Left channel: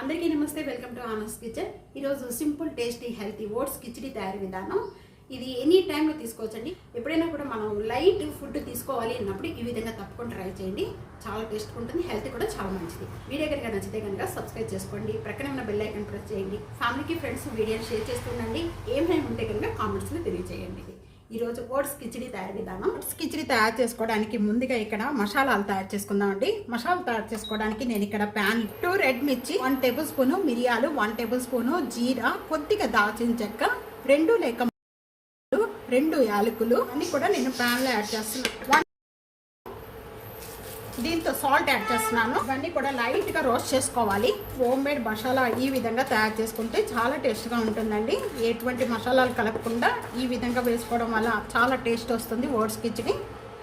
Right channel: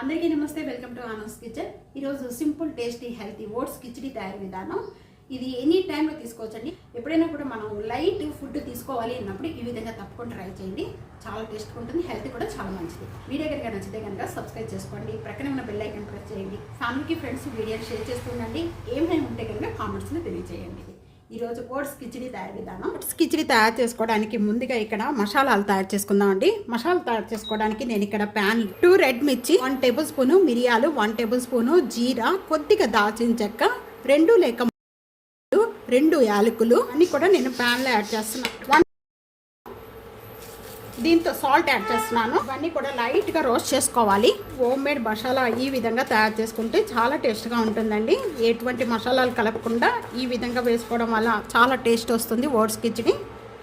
అందరికీ నమస్తే, welcome to ఆనస్ కిచెన్. ఈరోజు simple tasty healthy oats khichdi తయారీ విధానం. ఇది ఎనీ టైంలో తీసుకోవచ్చండి. ఎప్పుడైనా కూడా మనం లైట్ ఫుడ్ తీసుకోవాలి అన్నప్పుడు ఈ విధంగా తప్పకుండా ట్రై చేయండి. చాలా టేస్ట్గా ఉంటుంది, హెల్త్ కూడా చాలా మంచిది. వీడియో కనుక నచ్చితే కనుక సబ్స్క్రైబ్ చేసుకోండి, ప్రక్కన ఉన్న బెల్ ఐకాన్ ప్రెస్ చేయండి. ఫ్యామిలీకి ఫ్రెండ్స్ వీడియోని షేర్ చేస్తూ ఉండండి. ఏమైనా ఉంటే కనుక కామెంట్స్లో తెలియజేయండి. ఈరోజు ఓట్స్ కిచిడి తయారీ విధానం. ఓట్స్ కిచిడి తయారు చేసుకోవడానికి ముందుగా ఇక్కడ మసాలాలు తయారు చేసుకుందామండి. మసాలా తయారు చేసుకోవడానికి నేను ఇక్కడ ప్యాన్ 2 రెడ్ మిర్చి, 1 టేబుల్ స్పూన్ మిరియాలు, 1 టేబుల్ స్పూన్ జీరా, కొద్దిగా దాల్చిన చెక్క, 2 లేక 2 యాలకులు అన్ని కూడా నేను ప్యాన్లో యాడ్ చేస్తున్నాను. దీంతో సాల్ట్ యాడ్ చేస్తున్నాను. ఇవన్నీ కూడా లైట్గా రోస్ట్ చేసుకోవాలి. హోమ్ మేడ్ మసాలా ఈ విధంగా తయారు చేసుకుంటే చాలా టేస్ట్గా ఉంటుందండి. ఎటువంటి మసాలాలు కలపకుండా ఈ విధంగా వేసుకోవడం వల్ల చాలా టేస్ట్ వస్తుంది ఓట్స్ కిచిడి.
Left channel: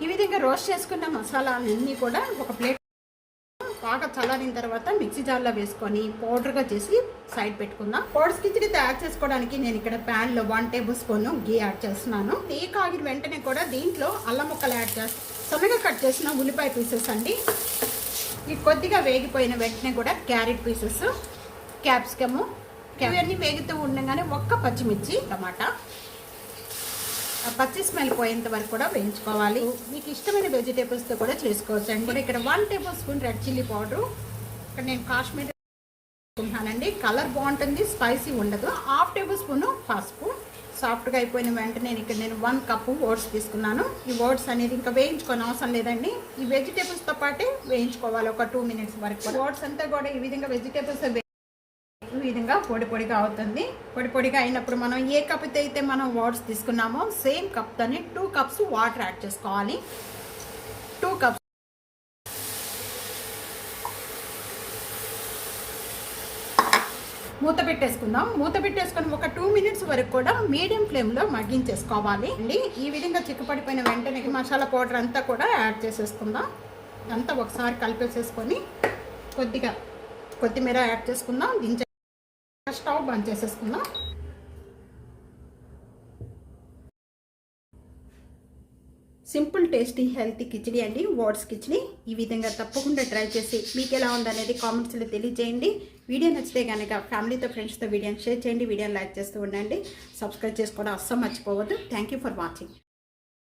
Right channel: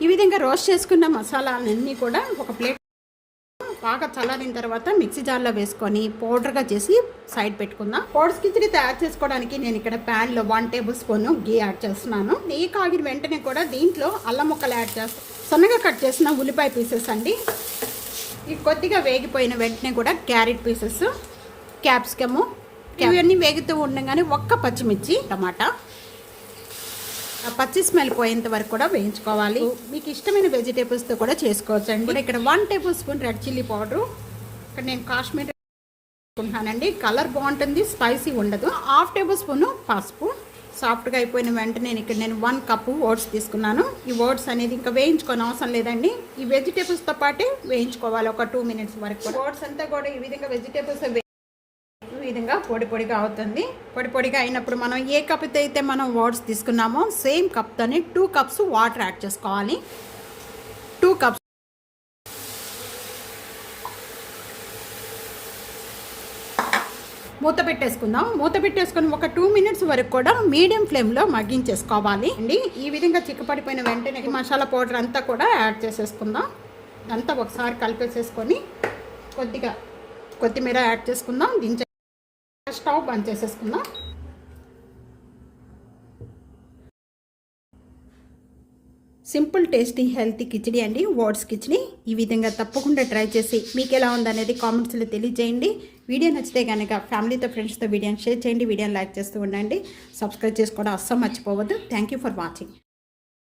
ఈ విధంగా రోస్ట్ చేసుకున్న మసాలాలన్నీ కూడా ఒక ప్లేట్ బాగా చల్లారిన తర్వాత మిక్సీ జార్లో వేసుకొని పౌడర్గా చేసి సైడ్ పెట్టుకుందాం. ఓట్స్ కిచిడి తయారు చేసుకోవడానికి నేను ఇక్కడ ప్యాన్లో 1 టేబుల్ స్పూన్ గీ యాడ్ చేస్తున్నాను. నెయ్యి కాగిన వెంటనే కూడా దీంట్లో అల్లం ముక్కలు యాడ్ చేస్తాను. సన్నగా కట్ చేసిన ఉల్లిపాయ పీసెస్ అండి. ఈ కొద్దిగా వేగిపోయిన వెంటనే కూడా క్యారెట్ పీసెస్, క్యాప్సికము, ఇవన్నీ వేగుతూ ఉండగానే 1 పచ్చిమిర్చి, టమాటా, పచ్చి స్మెల్ పోయేంత వరకు కూడా వేయించుకోవాలి. మీకు ఇష్టమైన వెజిటేబుల్స్తో కూడా చేసుకోవచ్చు అండి. ఇక్కడ 1 table spoon red chilli powder, ఇక్కడ నేను కాశ్మీర్ వేసుకుంటానండి. కలర్ బాగుంటుంది, స్పైసీ ఉండదు. 1/2 టేబుల్ స్పూన్ పసుపు. సాఫ్ట్గా అయిపోయిన వెంటనే ఇక్కడ నేను 1 కప్పు ఓట్స్ తీసుకున్నాను. ఈ ఓట్స్ అనేది ఇంకా వేయించుకోని అవసరం లేదండి. ఈ వెజిటేబుల్స్తో పాటే వేయించుకోవాలి ఒక 2 మినిట్స్ వరకు. ఓట్స్ అంతా కూడా ఈ విధంగా వెజిటేబుల్స్ ఈ విధంగా పొడి పొడిగా అవుతుంది. పొడి పొడిగా అయినప్పుడు మనం ఏ కప్తో అయితే మనం ఓట్స్ తీసుకున్నామో సేమ్ కప్తోనే 2 కప్స్ వాటర్ యాడ్ చేసుకోవాలి. 2 కప్స్ మూత పెట్టేసుకుందాం. మూత పెట్టేసుకొని ఒక 2 మినిట్స్ వరకు కూడా మీడియం ఫ్లేమ్లో మగ్గించేసుకోవాలి అండి. ఈ విధంగా చిక్కపడిపోయిన వెంటనే మసాలా పౌడర్ అంతా కూడా యాడ్ చేసేసుకుందాం. అంతా ఒకసారి కలిపేసేసుకొని కొద్దిగా కొత్తిమీర యాడ్ చేసుకుందాం. దించే స్టవ్ బంద్ చేసేసుకుందాం. సింపుల్ టేస్టీ హెల్తీ కిచిడి అండి, ఓట్స్ కిచిడి. ఈ విధంగా తప్పకుండా ట్రై చేసి మీకు ఎలా ఉందనేది కామెంట్స్లో తెలియజేయండి. వీడియో నచ్చితే కనుక ఫ్యామిలీతో ఫ్రెండ్స్తో వీడియోని షేర్ చేయండి. వీడియోని లైక్ చేస్తూ ఉండండి. సబ్స్క్రైబ్ చేసుకోవడం అస్సలు మర్చిపోవద్దు. Thank you for watching.